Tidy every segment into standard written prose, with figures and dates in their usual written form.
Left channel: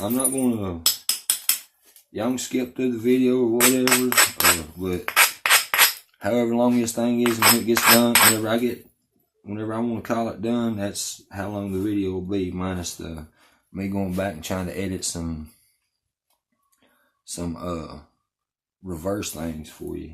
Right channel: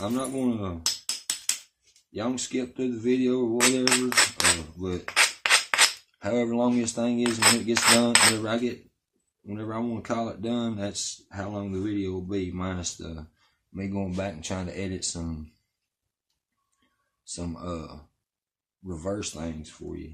I'm not gonna, y'all can skip through the video or whatever, but however long this thing is and it gets done, whenever I want to call it done, that's how long the video will be, minus the me going back and trying to edit some reverse lanes for you.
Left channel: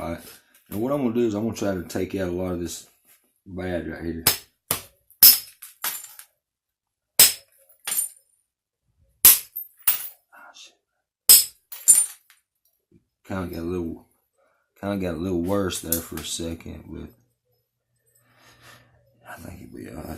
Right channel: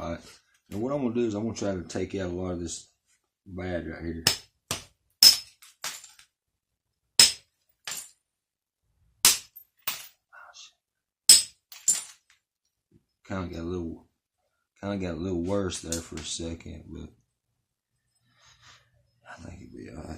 Alright, and what I'm going to do is I'm going to try to take out a lot of this bad right here. Kind of got a little worse there for a second, but I think it'll be alright.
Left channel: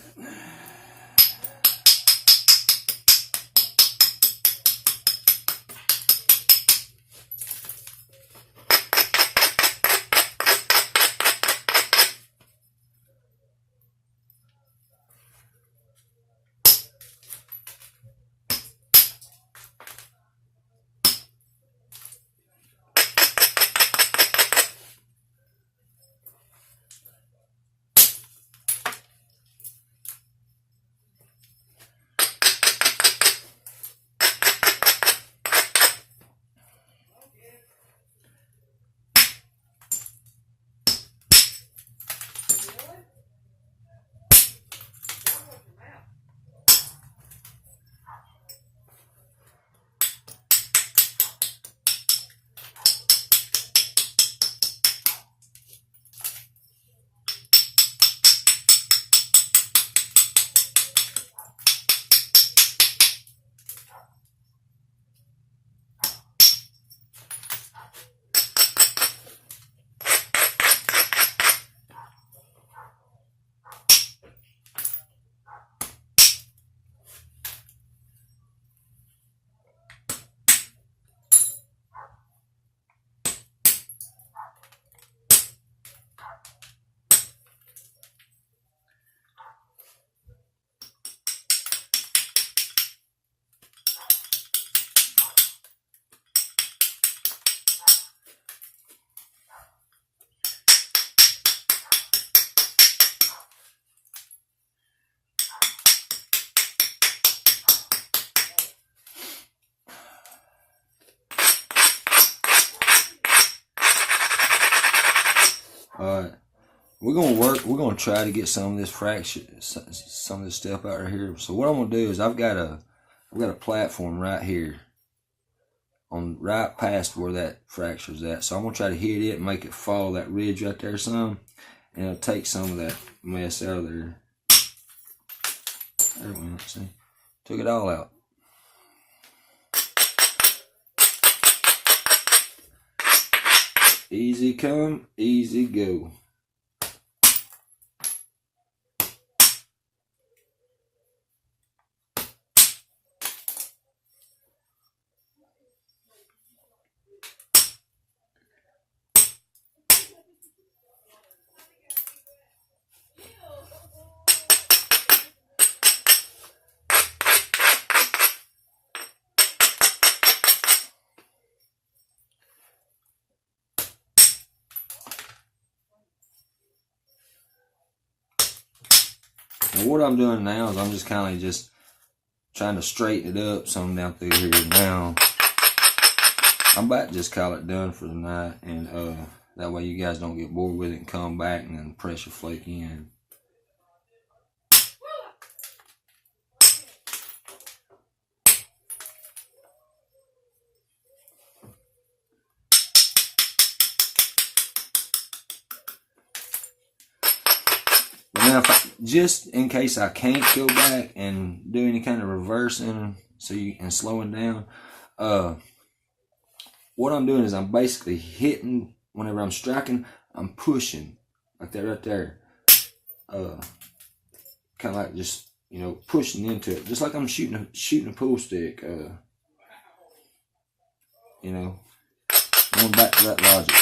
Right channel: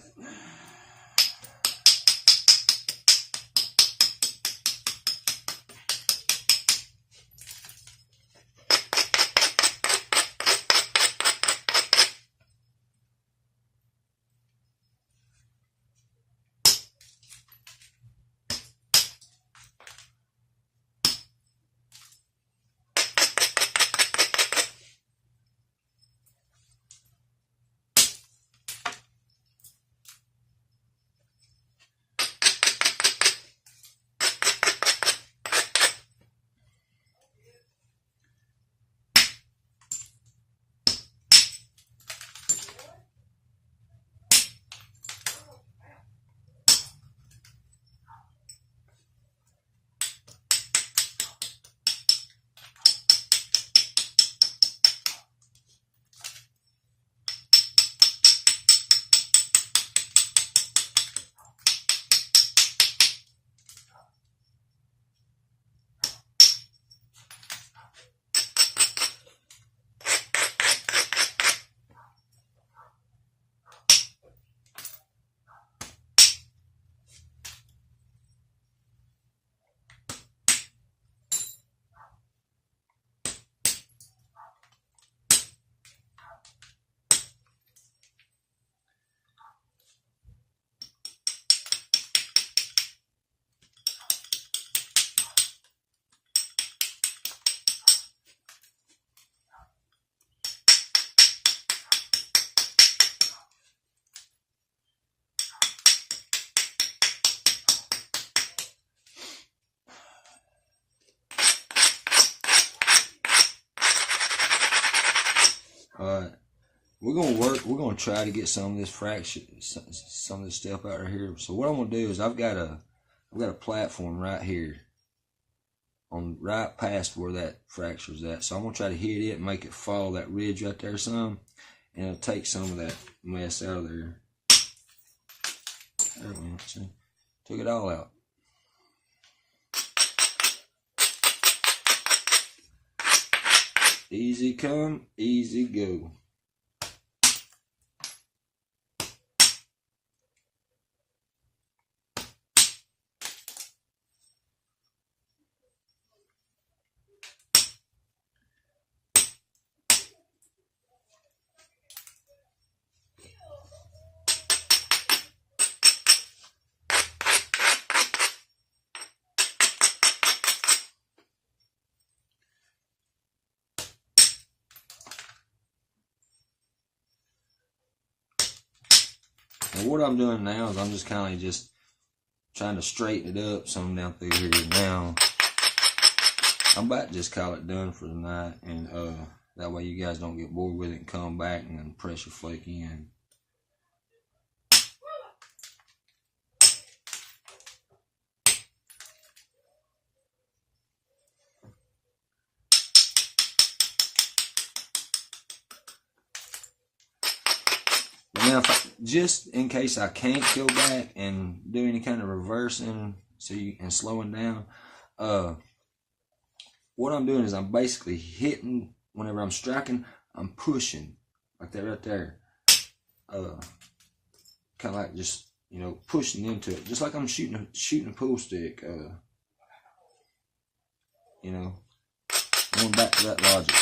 We're gonna try to get some of this fracture, some of this stuff out right here. So what I'm gonna do is I've got a platform right here, right past where that fracture's at. So I'm gonna try to hit it and make it fall that ridge right there some, and it'll take some of that mess out of there. There it went. See, took it all out. Easy come, easy go. And what I'm doing now is I'm just kind of trying to straighten it up some out there now. I'm about to just call it done for the night, and that way you guys don't get bored with it and come back and then pressure flake in. just in case I can't go back and do any kind of reversing, and slowing down, what I'm doing is I'm basically hitting, whenever I'm striking, I'm pushing, like that right there, kind of like just, pushing into it, just like I'm shooting a pool stick, going back to that logic.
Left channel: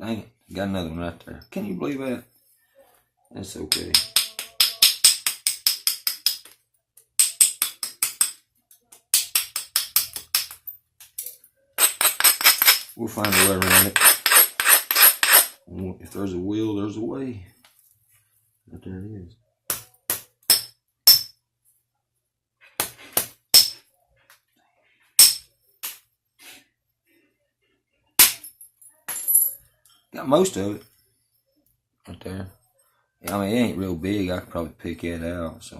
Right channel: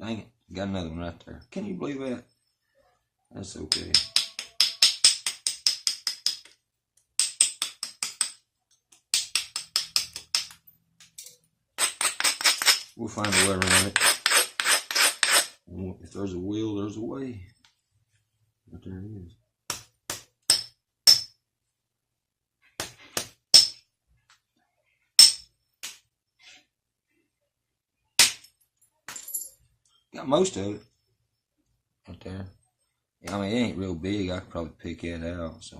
Dang it, got another one right there. Can you believe that? That's okay. We'll find a way around it. If there's a will, there's a way. Right there it is. Got most of it. Right there. I mean, it ain't real big. I could probably pick it out. So,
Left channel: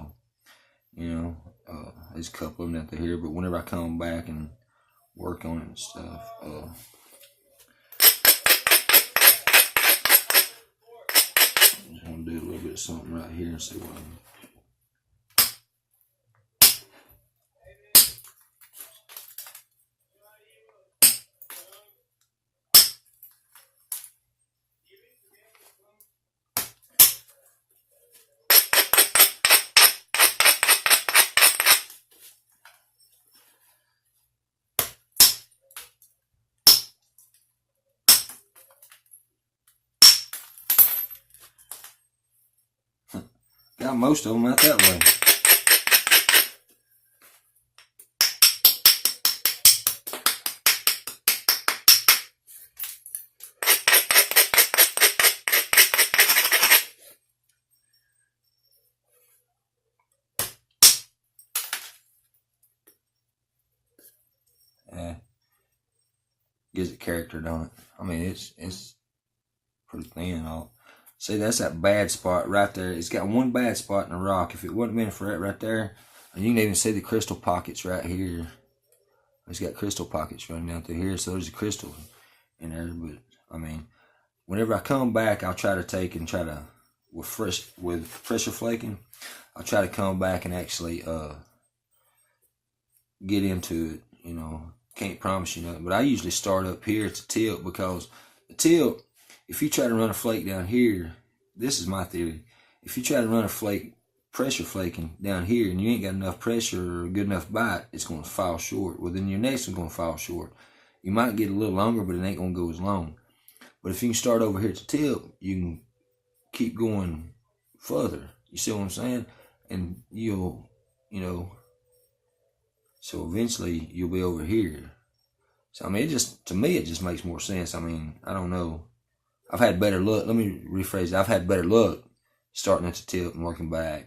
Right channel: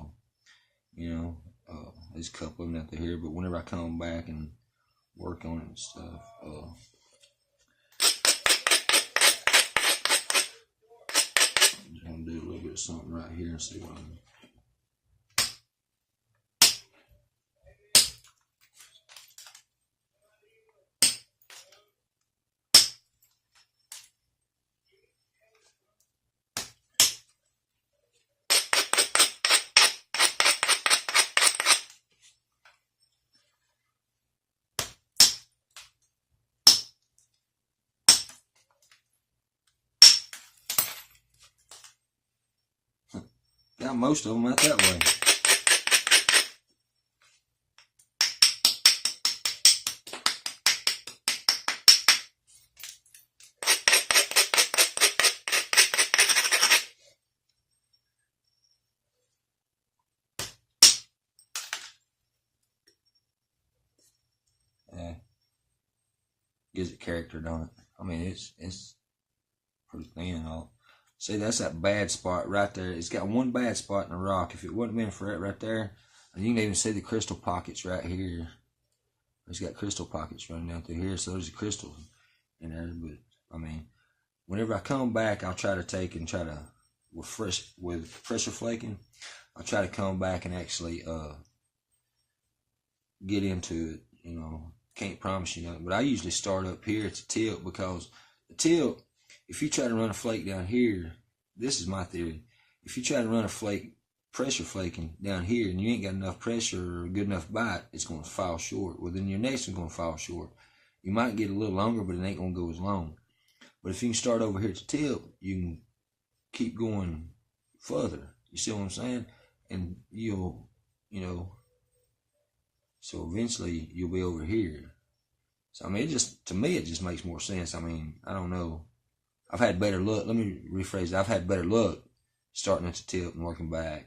there's a couple of them out there, but whenever I come back and work on it and stuff, I'm just gonna do a little bit of something right here and see what I got most of them out that way. Gives it character, don't it? I mean, it's pretty thin. See, that's that bad spot right there. It's got one bad spot in the rock. If it wasn't meant for that right there, and you can even see the crystal pockets right here. It's got crystal pockets running down through here, so there's a crystal in there. But I mean, whenever I come back, I'll try to take and with pressure flaking, I'll try to come back and actually get into it. Can't promise you nothing, but I usually start up here at the tip, because the tip, if you try to run a flake down here, this is my theory. If you try to run a flake, pressure flaking down here, and you ain't got enough pressure or a good enough bite, it's going to fall short. Well, then your next one's going to fall short. You might get a little longer, but it ain't going to go as long. But if you can start over here at the tip, you can keep going further. You see what I'm saying? And so eventually you'll be over here. So I mean, to me it just makes more sense. I mean, I don't know. I've had better luck. Let me rephrase it. I've had better luck starting at the tip and working back.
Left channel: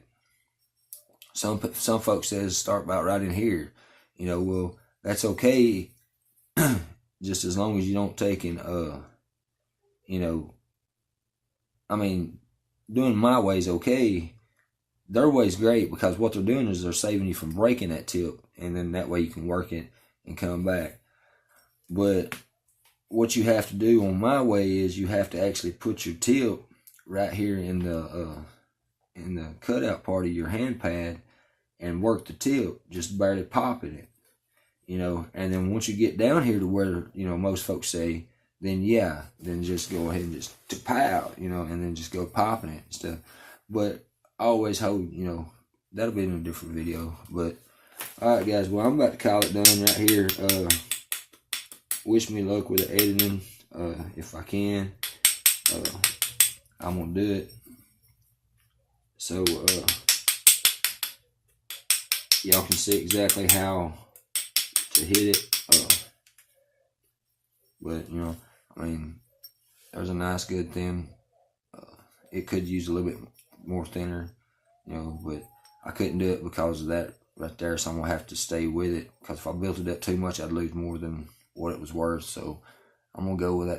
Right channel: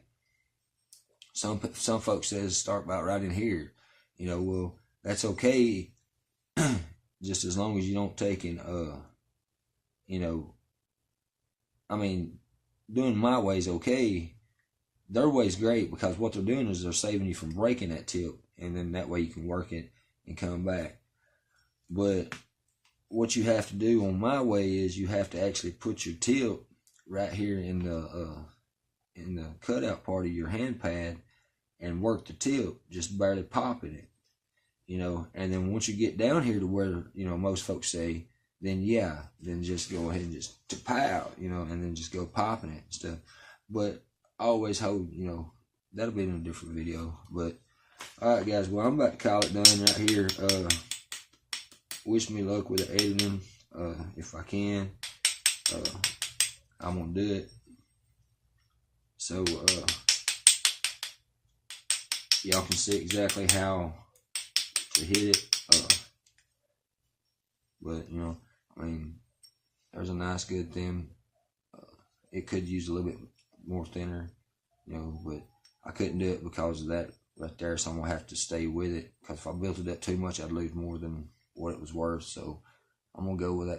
Some folks says start about right in here. Well, that's okay, just as long as you don't take in, I mean, doing my way is okay. Their way's great, because what they're doing is they're saving you from breaking that tip, and then that way you can work it and come back. But what you have to do on my way is you have to actually put your tip right here in the cutout part of your hand pad and work the tip, just barely popping it, and then once you get down here to where, most folks say, then just go ahead and just pow, and then just go popping it and stuff. But I always hope, that'll be in a different video. But alright guys, well, I'm about to call it done right here. Wish me luck with the editing. If I can, I'm gonna do it. So y'all can see exactly how to hit it. But I mean, there's a nice good thin. It could use a little bit more thinner, but I couldn't do it because of that right there, so I'm gonna have to stay with it, because if I built it up too much, I'd lose more than what it was worth. So I'm gonna go with that